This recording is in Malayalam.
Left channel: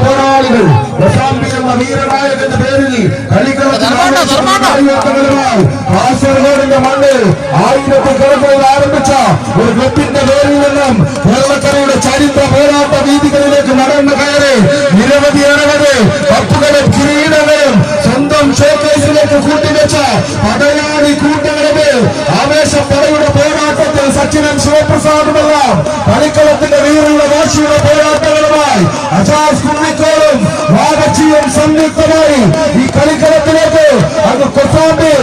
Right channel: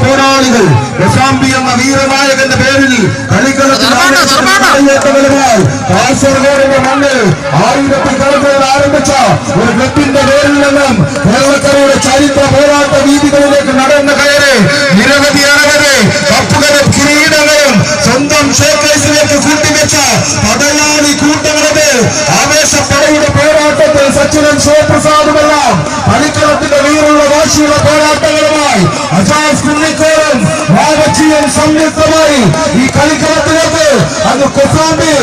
പോരാളികൾ എന്ന വീരനായകന്റെ പേരിൽ കാസർഗോഡിന്റെ മണ്ണിൽ 1000 കടന്നുകൾ ആരംഭിച്ച ഒരു ക്ലബിന്റെ പേരിൽ നിന്നും കേരളക്കരയുടെ ചരിത്ര പോരാട്ട വീതികളിലേക്ക് നടന്ന കയറി നിരവധി കപ്പുകളും കിരീടങ്ങളും സ്വന്തം ഷോക്കേസിലേക്ക് കൂട്ടിവെച്ച പടയാളി കൂട്ടങ്ങളുടെ ആവേശപ്പടയുടെ പോരാട്ടത്തിൽ സച്ചിനും ശിവപ്രസാദുമെല്ലാം കളിക്കളത്തിന്റെ വീറുള്ള വാശിയുള്ള പോരാട്ടങ്ങളുമായി അജാസ് കുന്നിക്കോളും വാഗച്ചിയും സംയുക്തമായി ഈ കളിക്കളത്തിലേക്ക് അത് കൊസാമ്പി